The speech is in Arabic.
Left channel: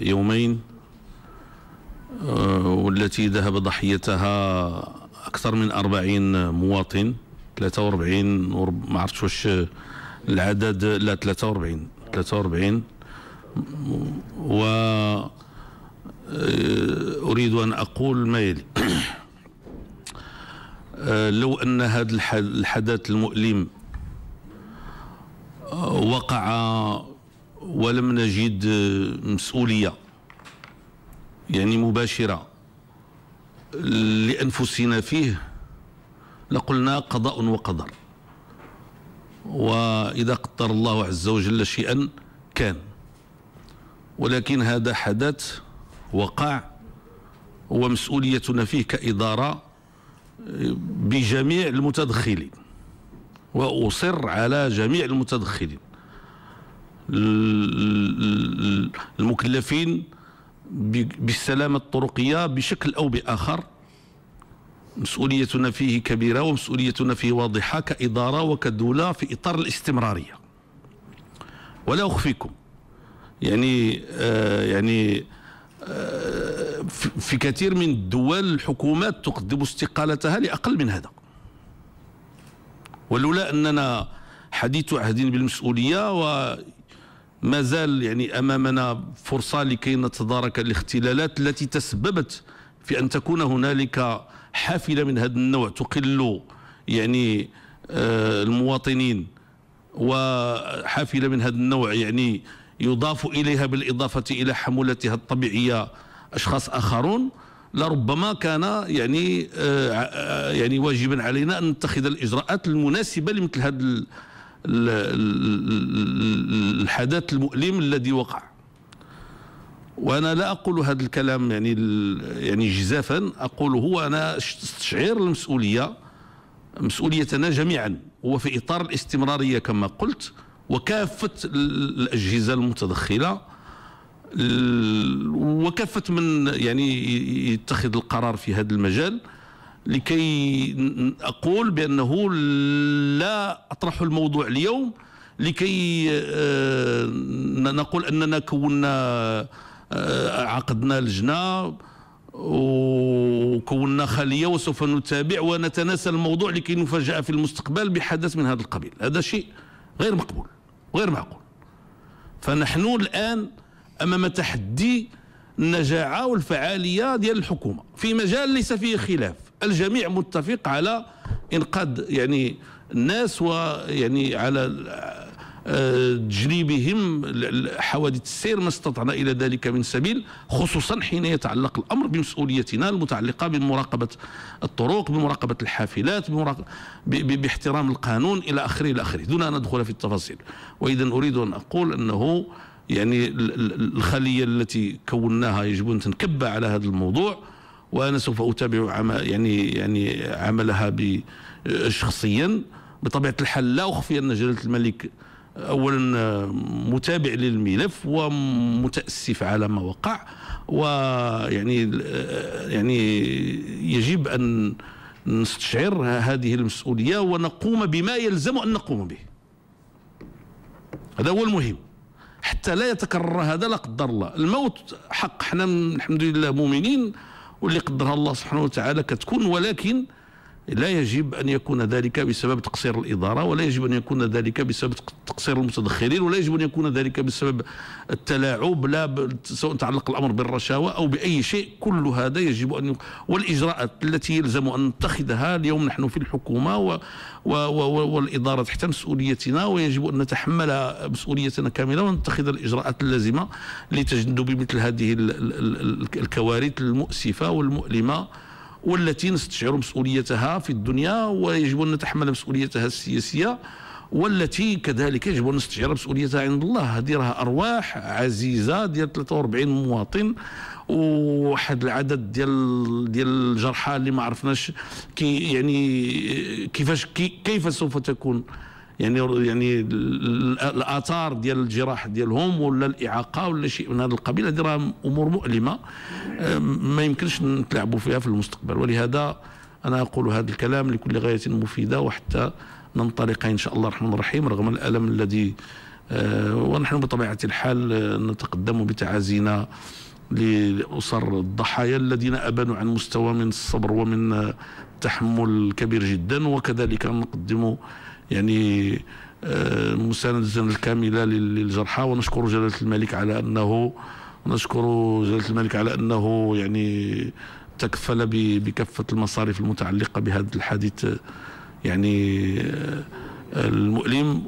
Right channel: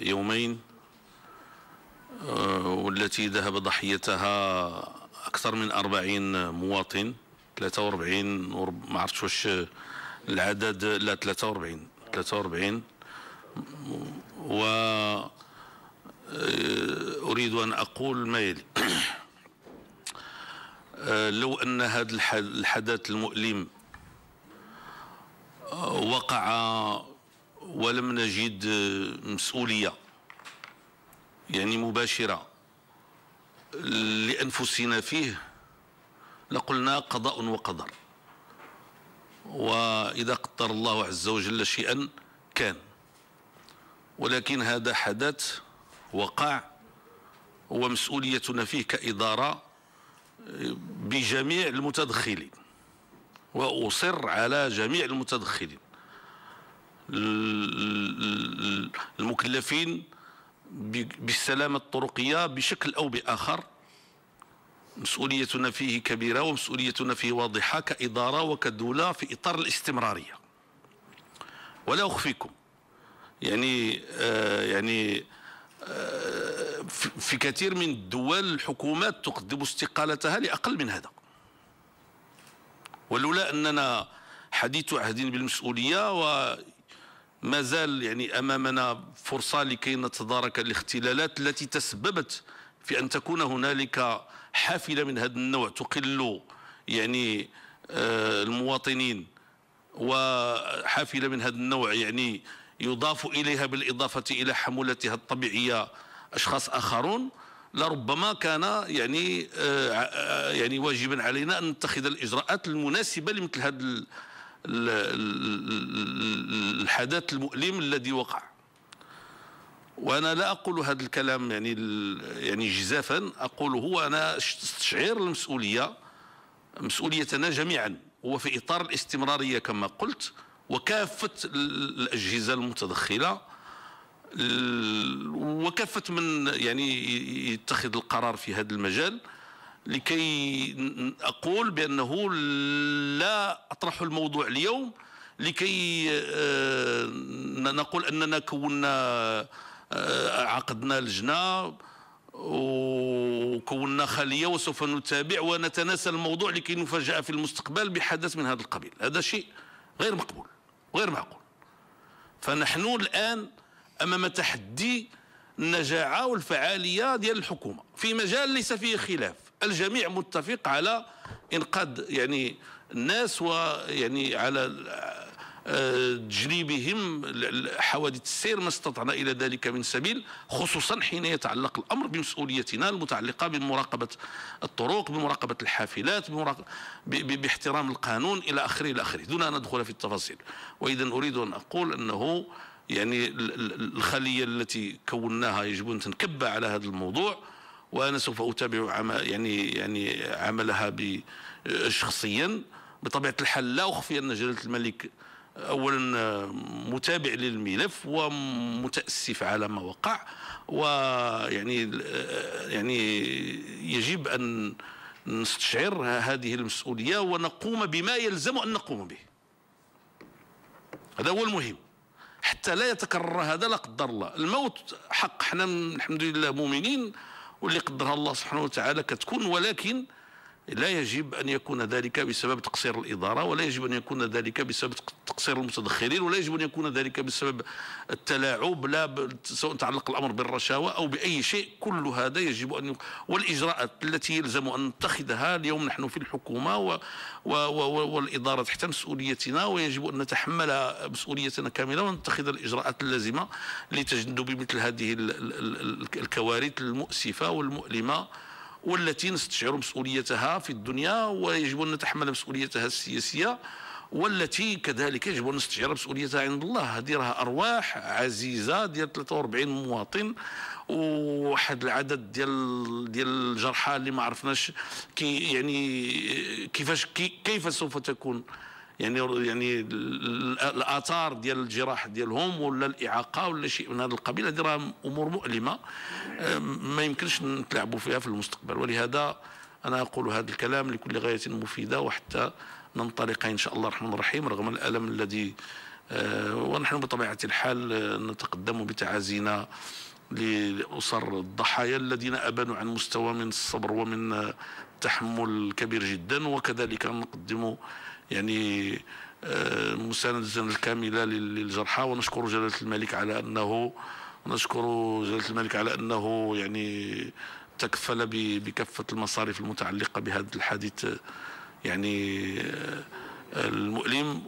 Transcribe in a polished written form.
يومين والتي ذهب ضحيتها أكثر من 40 مواطن، 43 ما عرفتش واش العدد، لا 43 وأريد أن أقول ما يلي. لو أن هذا الحدث المؤلم وقع ولم نجد مسؤولية يعني مباشرة لأنفسنا فيه لقلنا قضاء وقدر، وإذا قدر الله عز وجل شيئا كان، ولكن هذا حدث وقع ومسؤوليتنا فيه كإدارة بجميع المتدخلين، وأصر على جميع المتدخلين المكلفين بالسلامة الطرقية بشكل أو بآخر. مسؤوليتنا فيه كبيرة ومسؤوليتنا فيه واضحة كإدارة وكدولة في إطار الاستمرارية. ولا أخفيكم في كثير من الدول الحكومات تقدم استقالتها لأقل من هذا، ولولا أننا حديث عهد بالمسؤولية وما زال أمامنا فرصة لكي نتدارك الاختلالات التي تسببت في أن تكون هنالك حافلة من هذا النوع تقل المواطنين، وحافلة من هذا النوع يضاف إليها بالإضافة إلى حمولتها الطبيعية أشخاص آخرون. لربما كان واجبا علينا أن نتخذ الإجراءات المناسبة لمثل هذا الحدث المؤلم الذي وقع. وأنا لا أقول هذا الكلام جزافا، أقوله وأنا استشعر مسؤوليتنا جميعا، هو في إطار الاستمرارية كما قلت، وكافة الأجهزة المتدخلة وكافة من يتخذ القرار في هذا المجال، لكي أقول بأنه لا أطرح الموضوع اليوم لكي نقول أننا عقدنا لجنة وكونا خلية وسوف نتابع ونتناسى الموضوع لكي نفاجأ في المستقبل بحدث من هذا القبيل. هذا شيء غير مقبول وغير معقول. فنحن الآن أمام تحدي النجاعة والفعالية ديال الحكومة في مجال ليس فيه خلاف، الجميع متفق على إنقاذ الناس على تجنيبهم حوادث السير ما استطعنا إلى ذلك من سبيل، خصوصا حين يتعلق الأمر بمسؤوليتنا المتعلقة بمراقبة الطرق، بمراقبة الحافلات، باحترام القانون إلى آخره دون أن ندخل في التفاصيل. وإذا أريد أن أقول أنه الخلية التي كوناها يجب أن تنكب على هذا الموضوع، وأنا سوف أتابع عملها شخصيا. بطبيعة الحال لا أخفي أن جلالة الملك أولا متابع للملف ومتأسف على ما وقع، يجب أن نستشعر هذه المسؤولية ونقوم بما يلزم أن نقوم به. هذا هو المهم حتى لا يتكرر هذا لا قدر الله. الموت حق، احنا الحمد لله مؤمنين واللي قدرها الله سبحانه وتعالى كتكون، ولكن لا يجب أن يكون ذلك بسبب تقصير الإدارة، ولا يجب أن يكون ذلك بسبب تقصير المتدخلين، ولا يجب أن يكون ذلك بسبب التلاعب، سواء تعلق الأمر بالرشاوى أو بأي شيء. كل هذا يجب أن والإجراءات التي يلزم أن نتخذها اليوم نحن في الحكومة والإدارة تحت مسؤوليتنا، ويجب أن نتحمل مسؤوليتنا كاملة ونتخذ الإجراءات اللازمة لتجنب مثل هذه الكوارث المؤسفة والمؤلمة، والتي نستشعر مسؤوليتها في الدنيا ويجب أن نتحمل مسؤوليتها السياسية، والتي كذلك يجب أن نستشعر مسؤوليتها عند الله. هذه راها أرواح عزيزة ديال 43 مواطن، وواحد العدد ديال الجرحى اللي ما عرفناش كيف سوف تكون الآثار ديال الجراح ديالهم ولا الإعاقة ولا شيء من هذا القبيل. هذه راه أمور مؤلمة ما يمكنش نتلاعبوا فيها في المستقبل. ولهذا أنا أقول هذا الكلام لكل غاية مفيدة، وحتى ننطلق إن شاء الله الرحمن الرحيم رغم الألم الذي ونحن بطبيعة الحال نتقدم بتعازينا لأسر الضحايا الذين أبانوا عن مستوى من الصبر ومن تحمل كبير جدا، وكذلك نقدم يعني مساندة الكاملة للجرحى، ونشكر جلالة الملك على أنه يعني تكفل بكافة المصاريف المتعلقة بهذا الحادث يعني المؤلم.